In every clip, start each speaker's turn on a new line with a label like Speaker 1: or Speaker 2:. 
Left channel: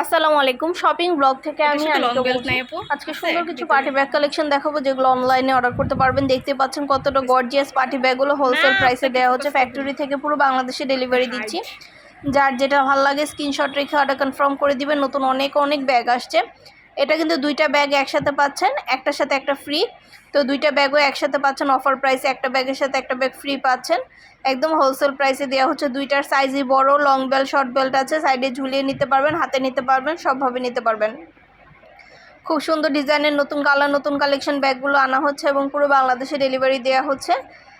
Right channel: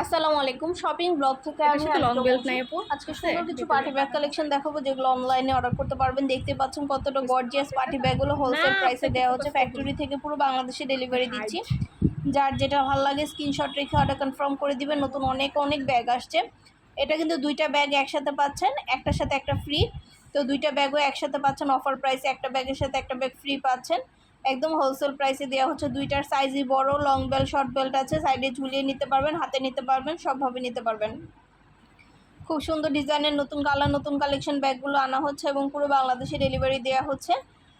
Speaker 1: আসসালামু আলাইকুম। Shopping blog থেকে আমি। আজকে সুন্দর কিছু পার্টি ব্যাগ কালেকশন দেখাবো যেগুলো অনলাইনে অর্ডার করতে পারবেন। দেখতে পাচ্ছেন কতটা গর্জিয়াস পার্টি ব্যাগগুলো হোলসেল প্রাইসে দেওয়া হচ্ছে। ফ্যাক্টরি থেকে পুরো বাংলাদেশে ডেলিভারি দিচ্ছি। যার যেটা ভালো লাগে স্ক্রিনশট রেখে অর্ডার কনফার্ম করে দিবেন। নতুন অনেক অনেক ব্যাগ আসছে। এটা কিন্তু দুইটা ব্যাগ একসাথে পাচ্ছেন। একটার সাথে একটা ফ্রি তো দুইটা ব্যাগও একসাথে পাচ্ছেন অফার প্রাইসে একটা ব্যাগের সাথে একটা ব্যাগ ফ্রি পাচ্ছেন। একদম হোলসেল প্রাইসে দেওয়া হচ্ছে দুইটার সাইজই বড় লং বেল্ট শর্ট বেল্ট আছে সাইডে ঝুলিয়ে নিতে পারবেন, হাতে নিতে পারবেন, সবভাবে নিতে পারবেন। খুব সুন্দর ডিজাইনের নতুন কালার নতুন কালেকশন ব্যাগগুলো আনা হচ্ছে এবং পুরো বাংলাদেশে ডেলিভারি দেওয়া হচ্ছে।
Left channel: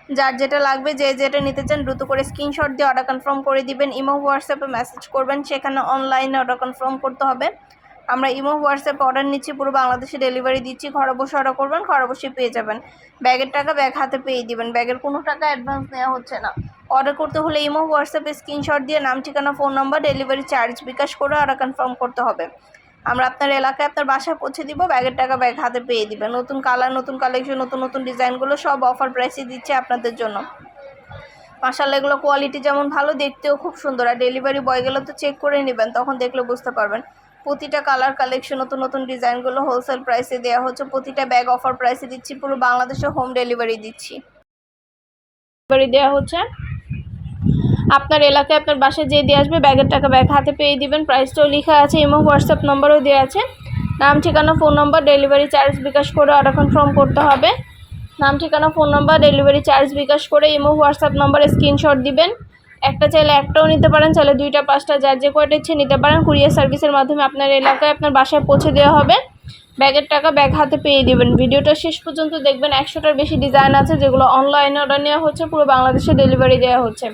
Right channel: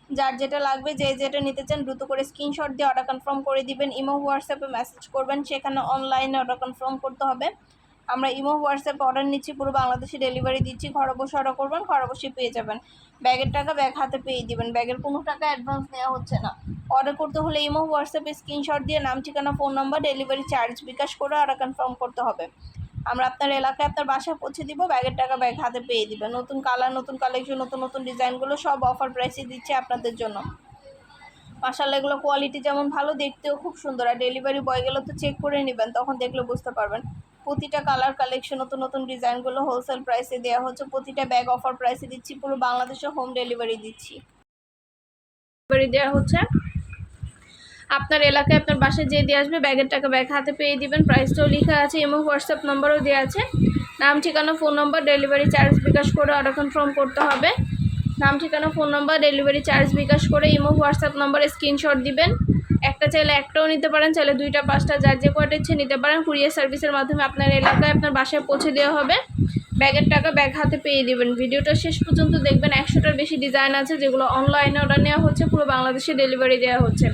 Speaker 1: যার যেটা লাগবে, যে যেটা নিতে চান দ্রুত করে স্ক্রিনশট দিয়ে অর্ডার কনফার্ম করে দিবেন, ইমো হোয়াটসঅ্যাপে মেসেজ করবেন, সেখানে অনলাইনে অর্ডার কনফার্ম করতে হবে। আমরা ইমো, হোয়াটসঅ্যাপে অর্ডার নিচ্ছি, পুরো বাংলাদেশে ডেলিভারি দিচ্ছি, ঘরে বসে অর্ডার করবেন, ঘরে বসে পেয়ে যাবেন। ব্যাগের টাকা ব্যাগ হাতে পেয়ে দিবেন। ব্যাগের কোনো টাকা অ্যাডভান্স নেওয়া হচ্ছে না। অর্ডার করতে হলে ইমো, হোয়াটসঅ্যাপে স্ক্রিনশট দিয়ে নাম, ঠিকানা phone number delivery charge bKash করে অর্ডার কনফার্ম করতে হবে। আমরা আপনার এলাকায় আপনার বাসায় পৌঁছে দিব, ব্যাগের টাকা ব্যাগ হাতে পেয়ে দিবেন। নতুন কালার নতুন কালেকশন নতুন নতুন ডিজাইনগুলো সব অফার প্রাইসে দিচ্ছে আপনাদের জন্য। মাসাল্লাহ এগুলো কোয়ালিটি যেমন ভালো, দেখতেও খুব সুন্দর। আর ডেলিভারি বয়গুলো তো চেক করে নেবেন, তখন দেখলে বুঝতে পারবেন। প্রতিটা কালার কালেকশন নতুন নতুন ডিজাইনগুলো হোলসেল প্রাইসে দেওয়া হচ্ছে। প্রতিটা ব্যাগ অফার প্রাইসে দিচ্ছি, পুরো বাংলাদেশে হোম ডেলিভারি দিচ্ছি। ডেলিভারি দেওয়া হচ্ছে। আপনার এলাকায় আপনার বাসায় যে দিয়ে আসবে ব্যাগের টাকা ব্যাগ হাতে পেয়ে দিবেন। প্রাইসটাও লেখা আছে ইমো হোয়াটসঅ্যাপ নম্বরও দেওয়া আছে। নাম, ঠিকানা phone number delivery charge bKash করে অর্ডার কনফার্ম করতে হবে। নাম, ঠিকানা phone number delivery charge bKash করে ইমো হোয়াটসঅ্যাপ নাম্বারে স্ক্রিনশট দিবেন। একটা চাইলে একটাও নিতে পারেন, চাইলে দুইটা, পাঁচটা, যার যে কয়টা ইচ্ছে নিতে পারেন, কুরিয়ার সার্ভিসের মাধ্যমে আপনার এলাকায় আপনার বাসায় পৌঁছে দেওয়া হবে। ব্যাগের টাকা ব্যাগ হাতে পেয়ে দিবেন। ভিডিওটা শেষ পর্যন্ত দেখবেন, একশোটার বেশি ডিজাইন আছে, যেগুলো অনলাইনে অর্ডার নেওয়া হচ্ছে, পুরো বাংলাদেশে ডেলিভারি দেওয়া হচ্ছে।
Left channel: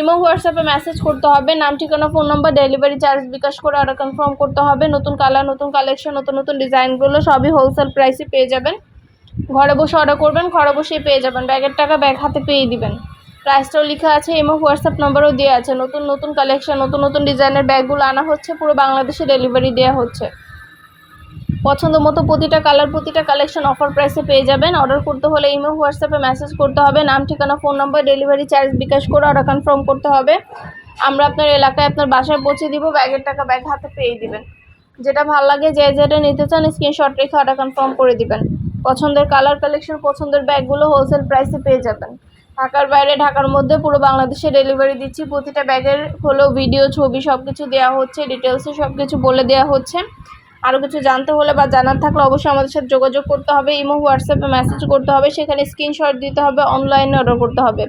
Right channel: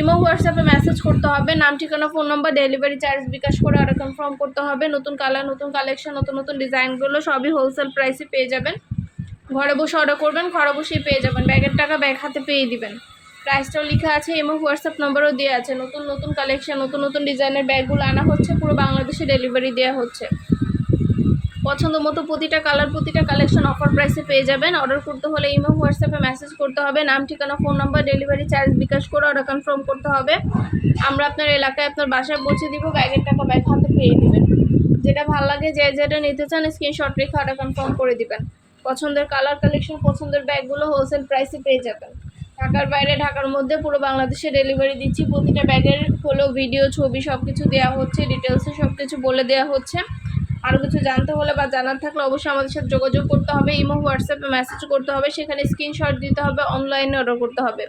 Speaker 1: ইমো, হোয়াটসঅ্যাপে মেসেজ করতে হবে। নাম, ঠিকানা phone number delivery charge bKash করে অর্ডার কনফার্ম করতে হবে। নতুন কালার নতুন কালেকশন নতুন নতুন ডিজাইনগুলো সবই হোলসেল প্রাইসে পেয়ে যাবেন। ঘরে বসে অর্ডার করবেন, ঘরে বসেই পেয়ে যাবেন। ব্যাগের টাকা ব্যাগ হাতে পেয়ে দিবেন। প্রাইসটাও লেখা আছে ইমো হোয়াটসঅ্যাপ নাম্বারও দেওয়া আছে। নতুন নতুন কালেকশন নতুন নতুন ডিজাইনের ব্যাগগুলো আনা হচ্ছে, পুরো বাংলাদেশে ডেলিভারি দেওয়া হচ্ছে। পছন্দ মতো প্রতিটা কালার প্রতিটা কালেকশন অফার প্রাইসে পেয়ে যাবেন। অর্ডার করতে হলে ইমো হোয়াটসঅ্যাপে মেসেজ করতে হবে। নাম, ঠিকানা phone number delivery charge bKash করে অর্ডার কনফার্ম করতে হবে। আমরা আপনার এলাকায় আপনার বাসায় পৌঁছে দিব, ব্যাগের টাকা ব্যাগ হাতে পেয়ে দিবেন। যেটা ভালো লাগে, যে যেটা নিতে চান স্ক্রিনশট রেখে অর্ডার কনফার্ম করে দিবেন। পছন্দের কালার কালেকশন পছন্দের ব্যাগগুলো হোলসেল প্রাইসে পেয়ে যাবেন। ঢাকার বাইরে, ঢাকার মধ্যে পুরো বাংলাদেশে ডেলিভারি দিচ্ছি। প্রতিটা ব্যাগের হলো ভিডিও ছবি সব কিছু দেওয়া হচ্ছে ডিটেলসে সব কিছু বলে দেওয়া হচ্ছে। আরও কিছু জানতে হলে বা জানার থাকলে অবশ্যই আমাদের সাথে যোগাযোগ করতে হবে। ইমো হোয়াটসঅ্যাপে মেসেজ করতে হবে, সেখানে স্ক্রিনশট দিতে হবে অনলাইনে অর্ডার করতে হবে।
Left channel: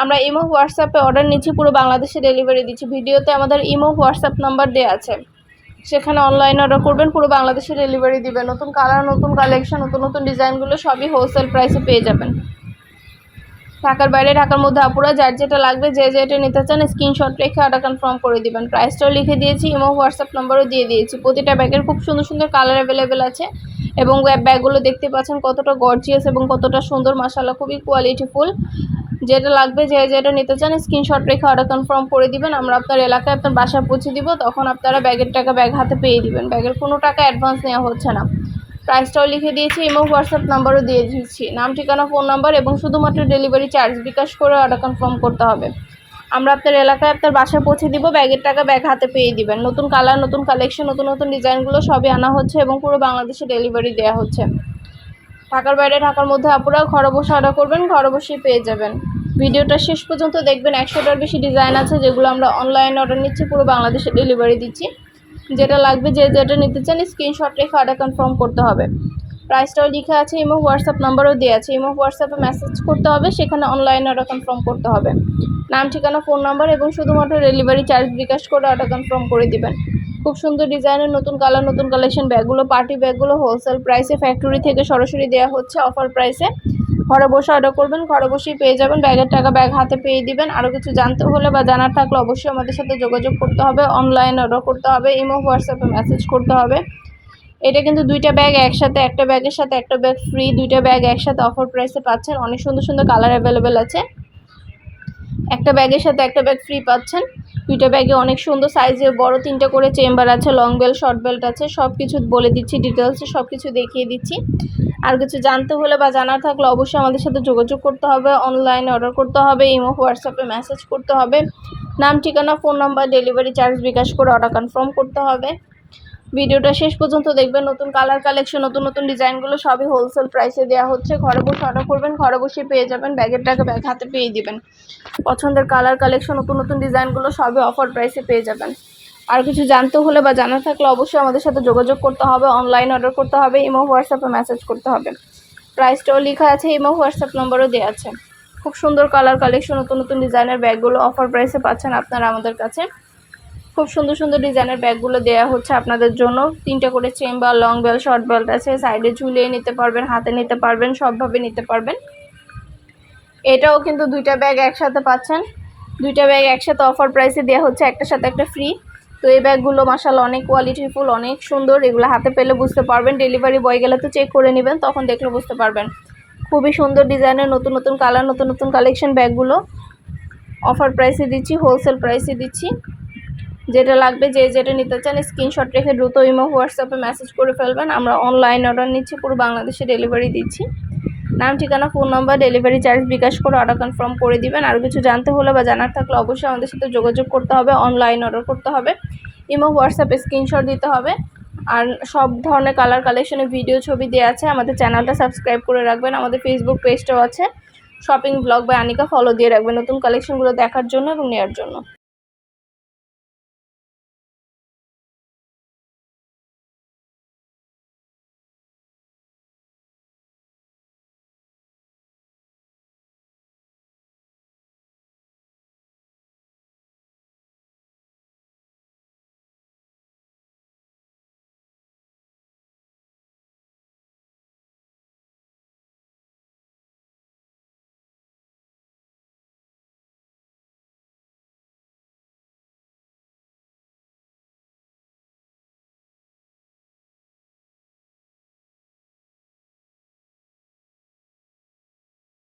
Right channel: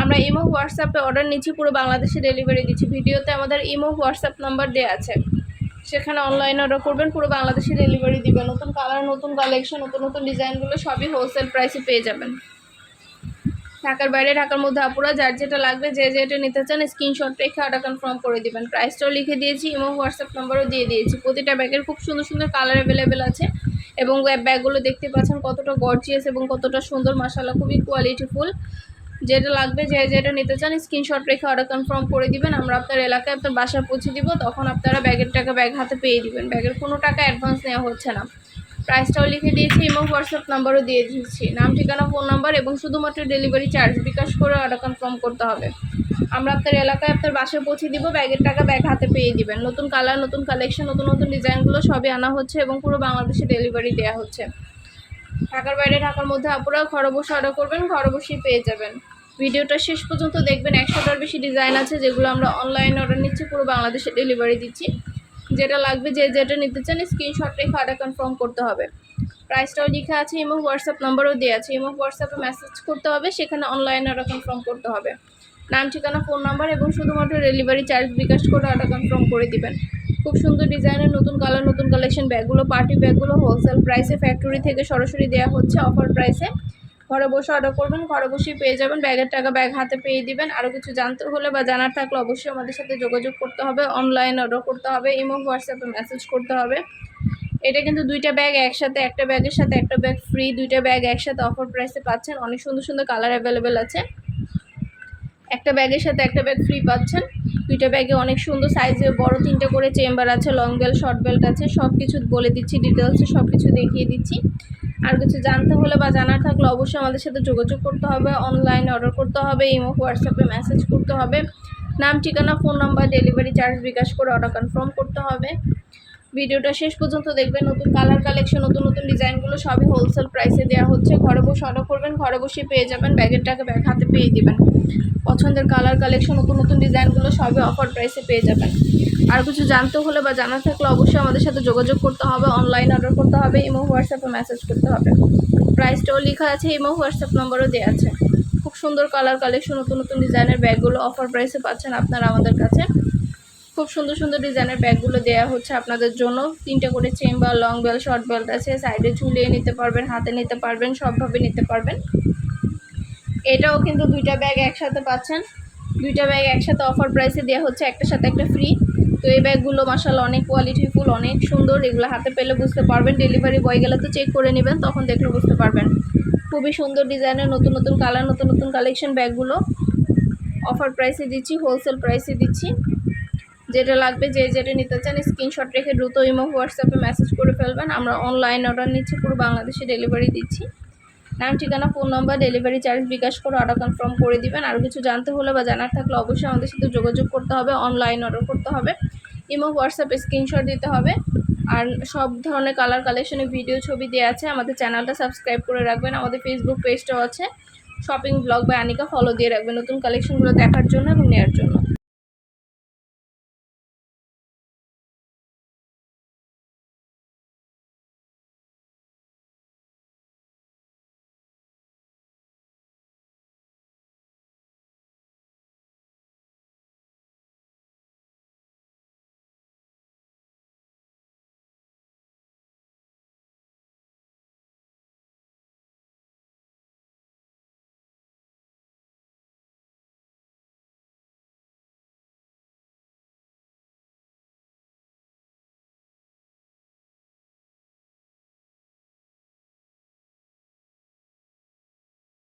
Speaker 1: আমরা ইমো হোয়াটসঅ্যাপে অর্ডার নিচ্ছি, পুরো বাংলাদেশে ডেলিভারি দিচ্ছি। ভিডিওতে আমাদের ইমো হোয়াটসঅ্যাপ নাম্বার দেওয়া আছে। সেখানে অনলাইনে অর্ডার করবেন, পুরো বাংলাদেশে ডেলিভারি দিবেন। নতুন কালার নতুন কালেকশন নতুন নতুন ডিজাইনগুলো সবই হোলসেল প্রাইসে পেয়ে যাবেন। ঢাকার বাইরে, ঢাকার মধ্যে আপুরা যার যেটা লাগবে, যে যেটা নিতে চান স্ক্রিনশট রেখে অর্ডার কনফার্ম করে দিবেন। প্রাইসটাও লিখে দিয়েছি ইমো হোয়াটসঅ্যাপ নাম্বারও দিয়ে দিয়েছি। প্রতিটা ব্যাগের খুব সুন্দর সুন্দর কালার অ্যাভেলেবেল আছে এবং ব্যাগগুলো দেখতে পাচ্ছেন কতটা গর্জিয়াস এবং কতটা সুন্দর মাসাল্লাহ খুবই কোয়ালিটিফুল যেটা লাগবে, যে যেটা নিতে চান স্ক্রিনশট রেখে অর্ডার কনফার্ম করে দিবেন। আমরা আপনার এলাকায় আপনার বাসায় পৌঁছে দিব, তখন আপনারা ব্যাগের টাকা ব্যাগ হাতে পেয়ে দিবেন। ব্যাগের কোনো টাকা অ্যাডভান্স নেওয়া হচ্ছে না। প্রাইসটাও লিখে দিয়েছি ইমো হোয়াটসঅ্যাপ নাম্বারও দিয়ে দিচ্ছি নাম, ঠিকানা ফোন নাম্বার এবং শুধুমাত্র ডেলিভারি চার্জ বিকাশ করে অর্ডার কনফার্ম করতে হবে। আমরা আপনার এলাকায় আপনার বাসায় পৌঁছে দিব ব্যাগের টাকা ব্যাগ হাতে পেয়ে দিবেন। নতুন কালার নতুন কালেকশন নতুন নতুন ডিজাইনগুলো সবই আনা হচ্ছে এবং পুরো বাংলাদেশে ডেলিভারি দেওয়া হচ্ছে। ঢাকার বাইরে, ঢাকার মধ্যে আপুরা ঘরে বসে অর্ডার করবেন, ঘরে বসেই পেয়ে যাবেন। ভিডিওটা শেষ পর্যন্ত দেখবেন, একশোটার বেশি ডিজাইন আছে যেগুলো আমরা অনলাইনে অর্ডার নিচ্ছি, পুরো বাংলাদেশে ডেলিভারি দিচ্ছি। যেটা লাগবে, যে যেটা নিতে চান স্ক্রিনশট রেখে অর্ডার কনফার্ম করতে হবে। প্রাইসটাও লেখা আছে ইমো হোয়াটসঅ্যাপ নাম্বারও দেওয়া আছে। ইমো হোয়াটসঅ্যাপে মেসেজ করতে হবে, সেখানে অনলাইনে অর্ডার কনফার্ম করতে হবে। নাম, ঠিকানা ফোন নাম্বার এবং শুধুমাত্র ডেলিভারি চার্জ বিকাশ করে অর্ডার কনফার্ম করে দিবেন। খুব সুন্দর ডিজাইনের নতুন কালার নতুন কালেকশন ব্যাগগুলো পার্টি ব্যাগগুলো হোলসেল প্রাইসে ফ্যাক্টরি থেকে সরাসরি দেওয়া হচ্ছে অফার প্রাইসে ঘরে বসে অর্ডার করবেন, ঘরে বসেই পেয়ে যাবেন ব্যাগের টাকা ব্যাগ হাতে পেয়ে দিবেন। আরও কিছু জানতে হলে বা জানার থাকলে অবশ্যই আমাদের সাথে যোগাযোগ করতে হবে অনলাইন অর্ডার করতে হবে ইমো হোয়াটসঅ্যাপে মেসেজ করতে হবে। এটা কিন্তু দুইটা ব্যাগ একসাথে, একটা ব্যাগের সাথে, একটা ব্যাগ ফ্রি দুইটা ব্যাগ একসাথে অফার প্রাইসে পাচ্ছেন। অনেক সুন্দর সুন্দর কালার অ্যাভেলেবেল আছে। একটা ব্যাগের সাথে একটা ব্যাগ ফ্রি পাচ্ছেন। দুইটা ব্যাগে অনেক সুন্দর সাইজে বড় তিনটা করে চেম্বার আছে লং বেল্ট শর্ট বেল্ট আছে সব কিছু বলে দিচ্ছি ডিটেলসে সব কিছু দেখিয়ে দিচ্ছি। আর কিছু জানতে হলে বা জানার থাকলে অবশ্যই আমাদের সাথে যোগাযোগ করতে হবে অনলাইনে অর্ডার করতে হবে, ইমো হোয়াটসঅ্যাপে মেসেজ করতে হবে। নাম, ঠিকানা phone number delivery charge bKash করে অর্ডার কনফার্ম করতে হবে। ভিডিওটা শেষ পর্যন্ত দেখবেন, নতুন কালার কালেকশন নতুন নতুন ডিজাইনগুলো সবই হোলসেল প্রাইসে দেওয়া হচ্ছে। ঘরে বসে অর্ডার করবেন, ঘরে বসে পেয়ে যাবেন ব্যাগের টাকা ব্যাগ হাতে পেয়ে দিবেন। পছন্দের কালার কালেকশন নতুন নতুন ডিজাইনগুলো সবই অফার প্রাইসে পেয়ে যাবেন। আর কিছু জানতে হলে বা জানা থাকলে অবশ্যই আমাদের সাথে যোগাযোগ করতে হবে অনলাইন অর্ডার করতে হবে ইমো হোয়াটসঅ্যাপে মেসেজ করতে হবে। প্রাইসটাও লেখা আছে ইমো হোয়াটসঅ্যাপ নম্বরও দেওয়া আছে। খুব সুন্দর কালার কালেকশন নতুন নতুন ডিজাইনের ব্যাগগুলো অফার প্রাইসে পাচ্ছেন আপনারা আমাদের কাছে। খুব সুন্দর সুন্দর ডিজাইনের ব্যাগগুলো দেওয়া হচ্ছে আপনাদের জন্য। তিনটা করে চেন বা লং বেল শর্ট বেল্ট আছে সাইডে ঝুলিয়ে নিতে পারবেন, হাতে নিতে পারবেন, সবভাবে নিতে পারবেন। এটাও কিন্তু দুইটা ব্যাগ একসাথে পাচ্ছেন। দুইটা ব্যাগ একসাথে অফার প্রাইসে দেওয়া হচ্ছে, একটার সাথে একটা ফ্রি তো এই ব্যাগগুলো মাসাল অনেক কোয়ালিটিফুল অনেক সুন্দর। এগুলো হাতে পেলে বুঝতে পারবেন। ডেলিভারি বয় গেলে তো চেক করে নেবেন, তখন দেখলে বুঝতে পারবেন। খুবই সুন্দর ডিজাইনের নতুন নতুন কালার নতুন নতুন কালেকশন ব্যাগগুলো। অফার প্রাইসে দিচ্ছি হোলসেল প্রাইসে দিচ্ছি। যেটা লাগবে, যে যেটা নিতে চান স্ক্রিনশট রেখে দ্রুত ইমো হোয়াটসঅ্যাপে মেসেজ করে ফেলবেন। আমরা অনলাইন অর্ডার নিচ্ছি, পুরো বাংলাদেশে ডেলিভারি দিচ্ছি। নাম, ঠিকানা, phone number delivery charge bKash করে অর্ডার কনফার্ম করে দিবেন। আর কিছু জানতে হলে বা জানার থাকলে অবশ্যই আমাদের সাথে যোগাযোগ করতে হবে অনলাইন অর্ডার করতে হবে। ইমো হোয়াটসঅ্যাপে স্ক্রিনশট দিতে হবে। আর সব ধরনের কালার কালেকশনের ভিডিও ছবি দেওয়া আছে। আমাদের চ্যানেলটা সাবস্ক্রাইব করে রাখবেন। আমাদের ফেসবুক পেজটাও আছে। শপিং ব্লগ বা আনিকা ফলো দিয়ে রাখবেন নতুন কালেকশনগুলো দেখার জন্য এবং নেওয়ার জন্য।